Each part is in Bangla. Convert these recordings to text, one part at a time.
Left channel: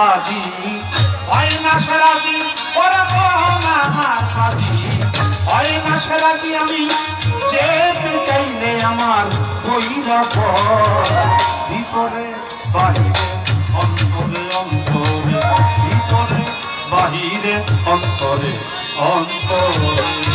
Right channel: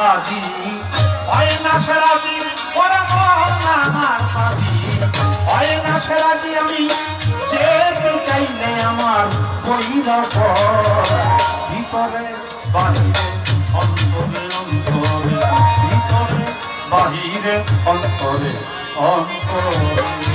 সাজি হয় না সেরাজি ওরা মন আমার সাজি হয় না সেরাজি আমি যেতে চাইলে আমার বৈরব ভিতরে বাহিরে অন্তরে অন্তরে ভিতরে বাহিরে অন্তরে অন্তরে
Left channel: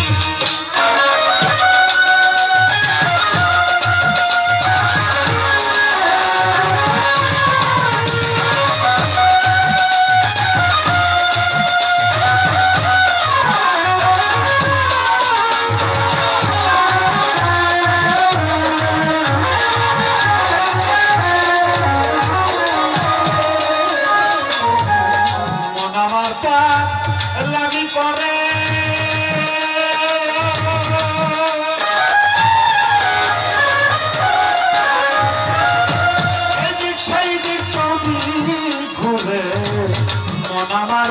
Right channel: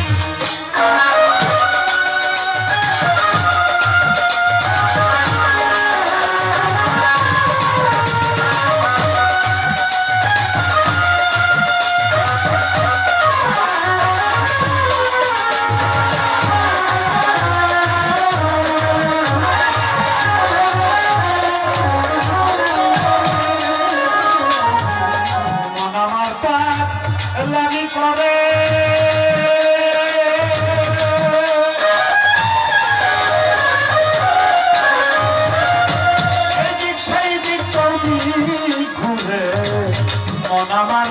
লাগি করে এদিক সেই দিক চৌদিক ঘুরে মন আমার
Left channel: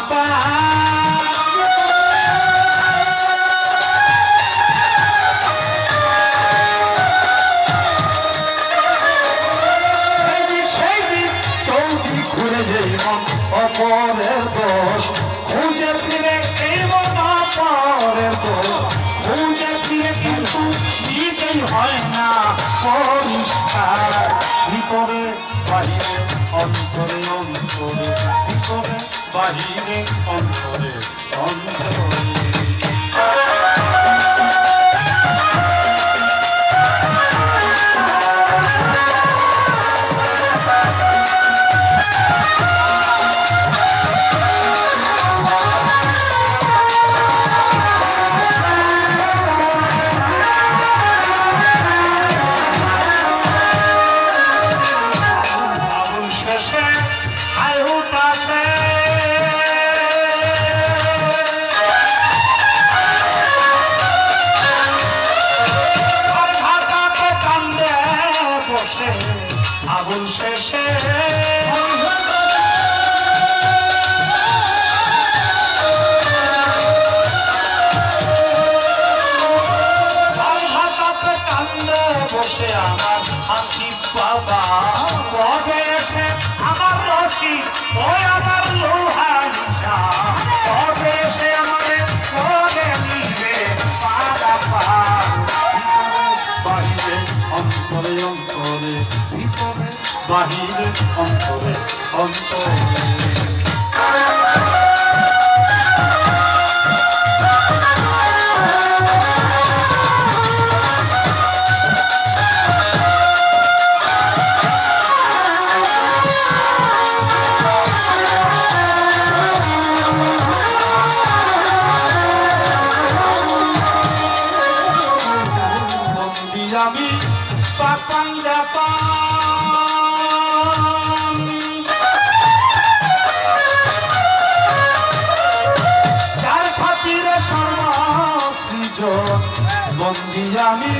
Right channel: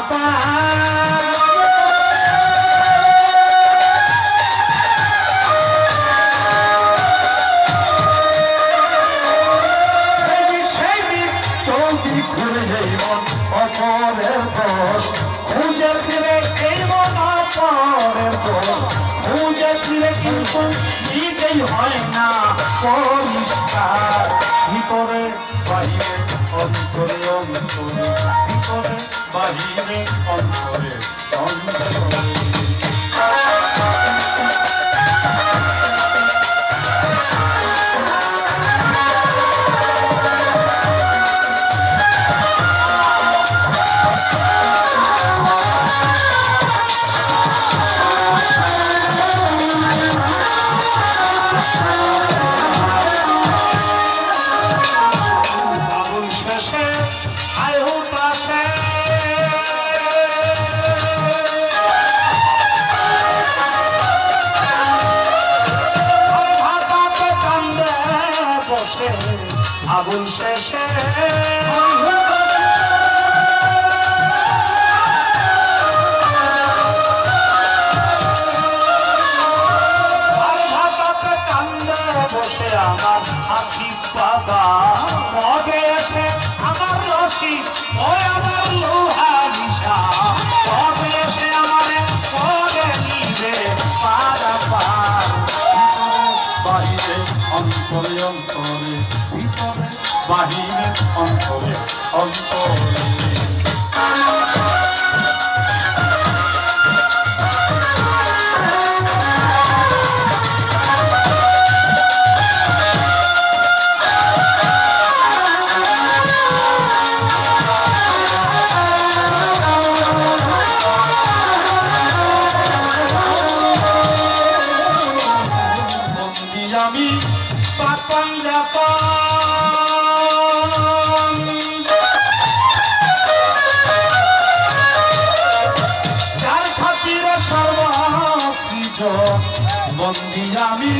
এদিক সেই দিক চৌদিক ঘুরে যাই মন অপরের দোষ খুঁজে ফিরে এই মন অপরের দোষ খুঁজে ফিরে কিন্তু নিজেই হয় না পরিষ্কার ভিতরে বাহিরে অন্তরে অন্তরে ভিতরে বাহিরে অন্তরে অন্তরে আবুল শেষে বসে আমার আছি বাবা পরে এসে আমার রশি ওই আমার লোহা নিশা পরে এসে আমার পরে নিবে বাহিরে অন্তরে অন্তরে ভিতরে বাহিরে অন্তরে অন্তরে আমি পাতাম যাত যার খাতিরে সর্বসৃজন বন্দী আমি